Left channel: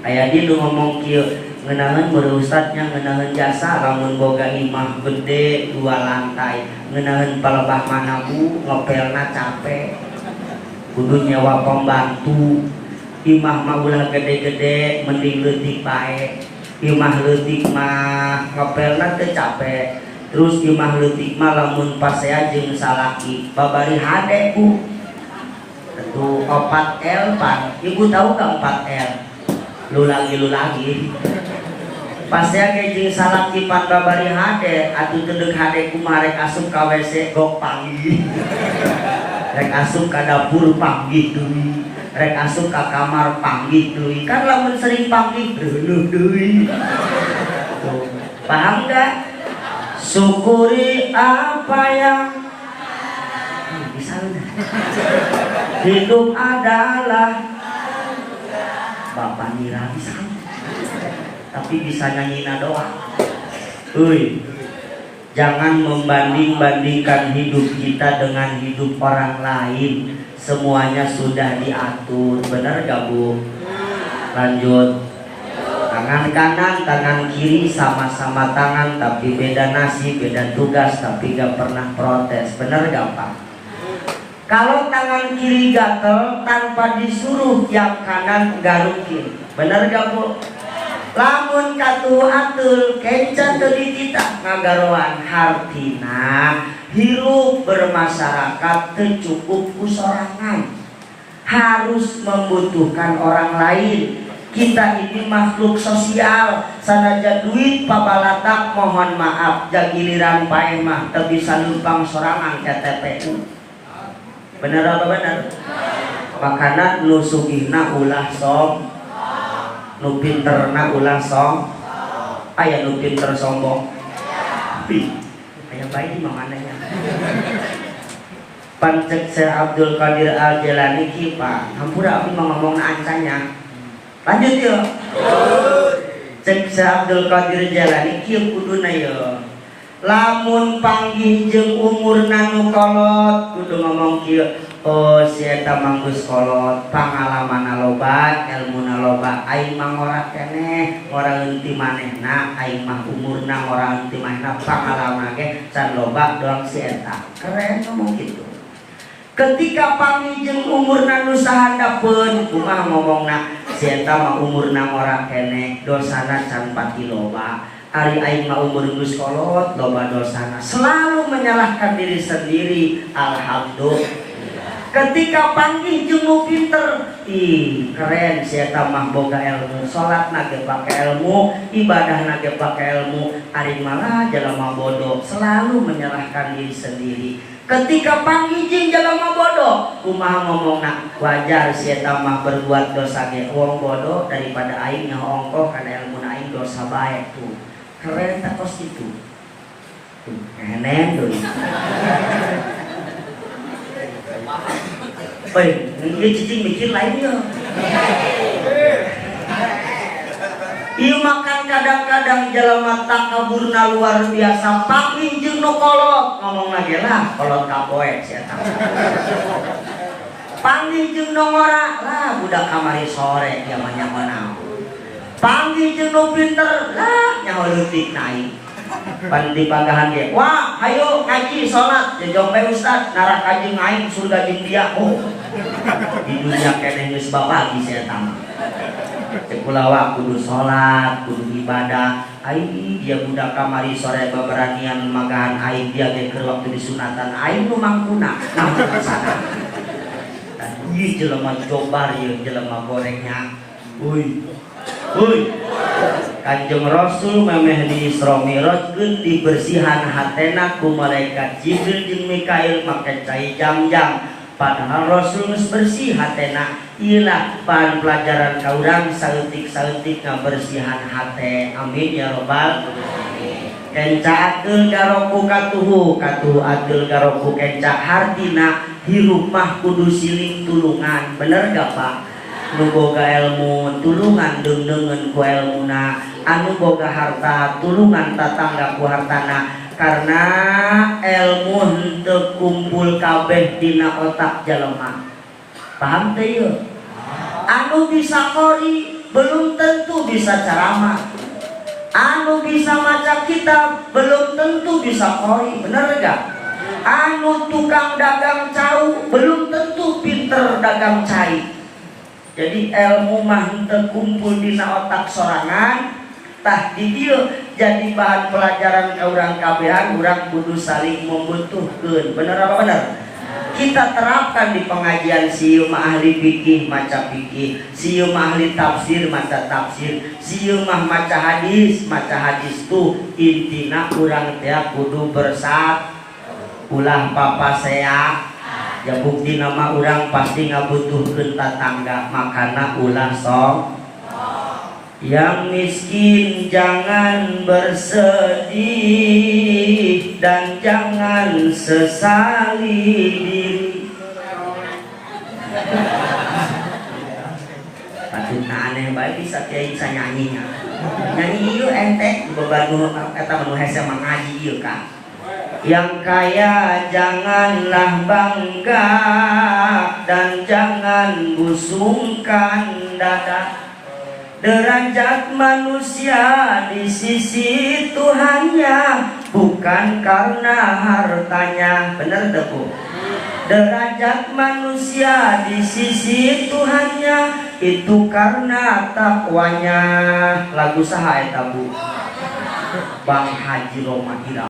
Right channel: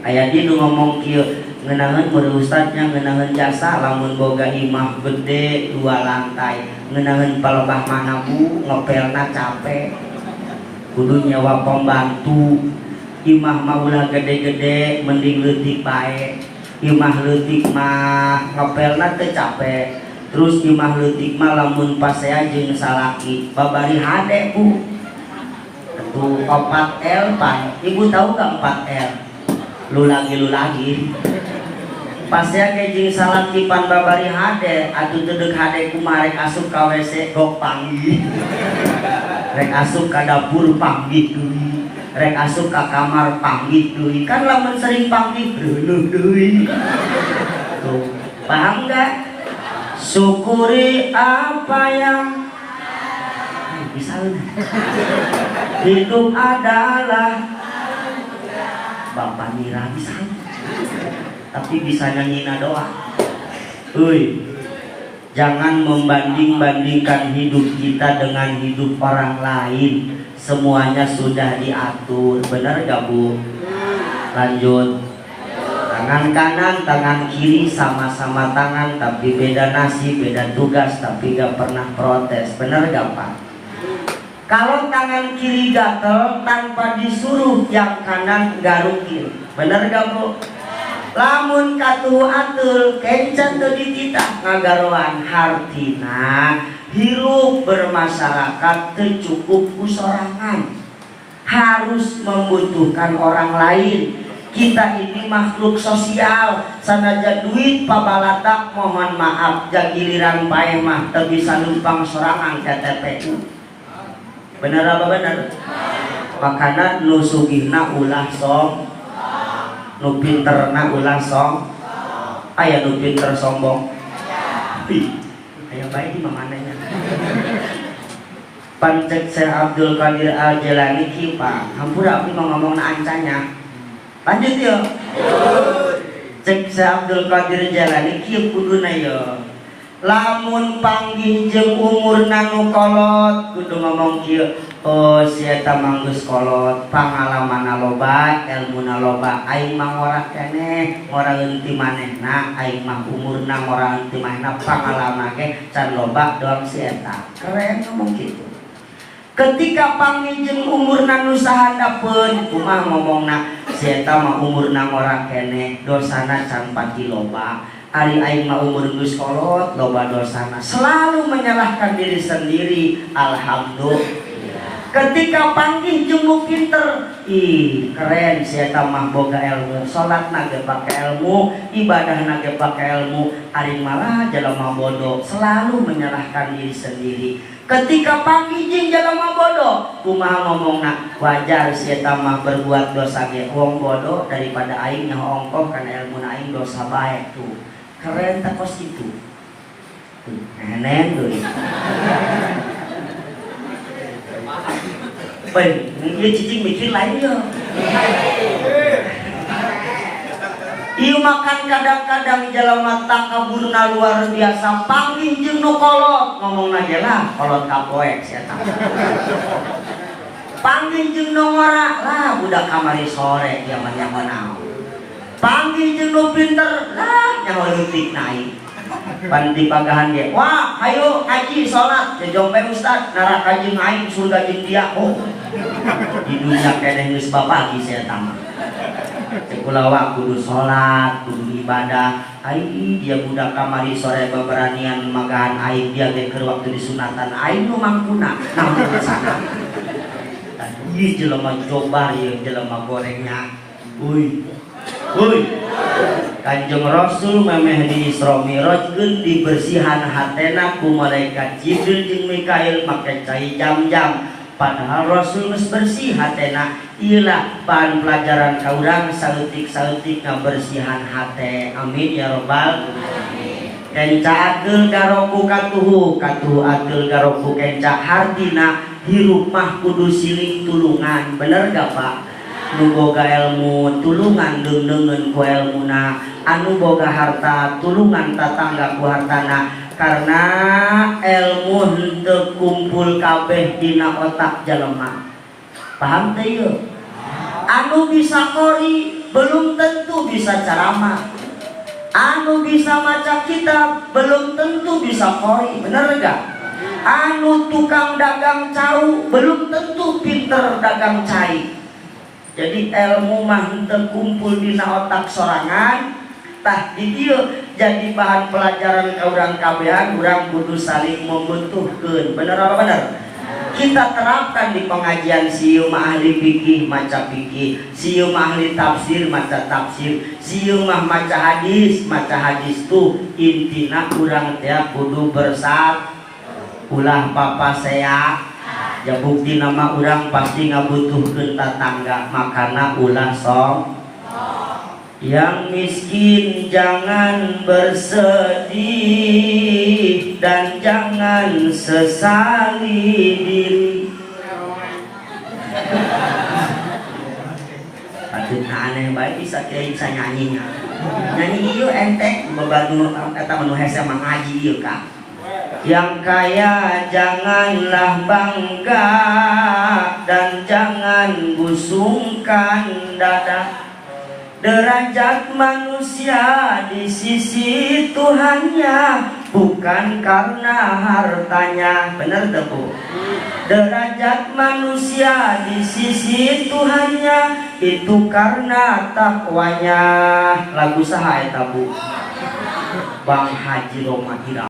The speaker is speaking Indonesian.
aya di nu ngomong kieu ngeunaheun murid ustadnya ngeunaheun jasa lamun boga imah gede 2 lantai ngeunaheun palebah mana bu ngopelna capek kudu nyawa pembantu imah mah ulah gede-gede mending leutik bae imah leutik mah ngopelna teu capek terus imah leutik mah lamun pasea jeung salaki babari hade bu itu 4L pan ibu tahu gak 4L lu lagi pasea ge jeung salaki pan babari hade atuh teu deuk hade kumaha rek asup ka WC gok panggih rek asup ka dapur panggih deui rek asup ka kamar panggih deui kan lamun sering panggih reuleuh deui tuh paham gak syukuri apa yang bisa hidup adalah Bapak Mira bisa tapi bisa nyanyiin doa. Jangan membanding-bandingkan hidup kita dengan hidup orang lain. Semuanya sudah diatur. Benar gak bu? Lanjut. Tangan kanan, tangan kiri sama-sama tangan tapi beda nasib, beda tugas tapi gak pernah protes. Benar gak pak? Kalau tangan kiri gatel tanpa disuruh yang kanan garukin. Benar gak bu? Lamun katuh atul kencan teu dititah ngagaroan hartina hirup bermasyarakat teu cukup kusorangan harus membutuhkan orang lain. Kita ini makhluk sosial sanajan duit pabalatak mohon maaf jagiliran paeh mah teu bisa numpang sorangan ke TPU. Bener apa bener? Makana nu sugihna ulah sok nu pinterna ulah sok aya nu pinter sombong aya bae di mamananya pancek Syekh Abdul Qadir Al-Jilani ki Pak hampura aku ngomongna ancanya lanjut yuk cek Syekh Abdul Qadir Jalani ki kuduna yuk lamun panggih jeung umurna nu kolot kudu ngomong kieu oh si eta mah geus kolot pangalamanna loba elmuna loba aing mah ngora keneh ngora leuntih manehna aing mah umurna ngora leuntih manehna pangalaman ge can loba doang si eta keren ngomong kitu ketika panggih jeung umurna nu sahandapeun kumaha ngomongna si eta mah umurna ngora keneh dosana can pati loba ari aing mah umur geus kolot loba dosana selalu menyalahkan diri sendiri. Alhamdulillah ketika panggih jeung nu pinter ih keren si eta mah boga ilmu salatna ge pake ilmu ibadahna ge pake ilmu ari malah jalema bodoh selalu menyalahkan diri sendiri. Ketika panggih jeung jalema bodoh kumaha ngomongna wajar si eta mah berbuat dosa ge wong bodoh daripada aing nyaho ongkoh kana ilmuna aing dosa bae tuh keren tak kos itu keren doi dia cicing mikir lain ya ieu makan kadang-kadang jalema takaburna luar biasa panggih jeung nu kolot ngomong lagi lah kolot kapoek sia eta panggih jeung nu ngora lah budak kamari sore dia mah nyaho naon panggih jeung nu pinter lah nyaho leutik naik pan di pagahan dia wah ayo ngaji salat jeung bae ustad narak kaji aing surga jeung dia oh di dunia keneh geus babagi saya tamat cek kulawa kudu salat kudu ibadah aing dia budak kamari sore baberanian magahan aing dia ge keur waktu disunatan aing nu mangkuna naon sana ieu jelema cobar ieu jelema gorengnya Kanjeng Rasul memeh di Isra Mi'rajkeun dibersihan hatena ku malaikat Jibril jeung Mikail make cai jam-jam padahal Rasul geus bersih hatena ieulah bahan pelajaran ka urang saeutik-saeutik ngabersihan hate amin ya rabbal alamin kenca akeul garoku katuhu akeul garoku kenca hartina hirup mah kudu siling tulungan bener gak Pak nu boga ilmu tulungan deungeun ku ilmuna anu boga harta tulungan tatangga ku hartana karena ilmu henteu kumpul kabeh dina otak jalema paham teh yeuh anu bisa qori belum tentu bisa ceramah, anu bisa maca kitab belum tentu bisa qori, bener gak? Anu tukang dagang cau belum tentu pinter dagang cai. Jadi ilmu mah teu kumpul dina otak sorangan, tah di dieu jadi bahan pelajaran ka urang kabehan, urang kudu saling membutuhkeun. Bener apa bener? Kita terapkan di pengajian, sieu mah ahli fikih maca fikih, sieu mah ahli tafsir maca tafsir, sieu mah maca hadis tuh intina urang teh kudu bersat ulah papa saya. Ya bukti nama urang pasti ngabutuhkeun tetangga, makana ulah sok. Yang miskin jangan bersedih dan jangan sesali diri. Patutna aneh bae bisa kiai bisa nyanyi. Nyanyi ieu ente beban eta manu hese mengaji ieu Kang. Yang kaya janganlah bangga dan jangan busungkan dada. Derajat manusia di sisi Tuhannya bukan karena hartanya. Bener teu Bu? Derajat manusia di sisi Tuhannya itu karena takwanya. Lagu saha eta Bu? Bang Haji Roma Irama.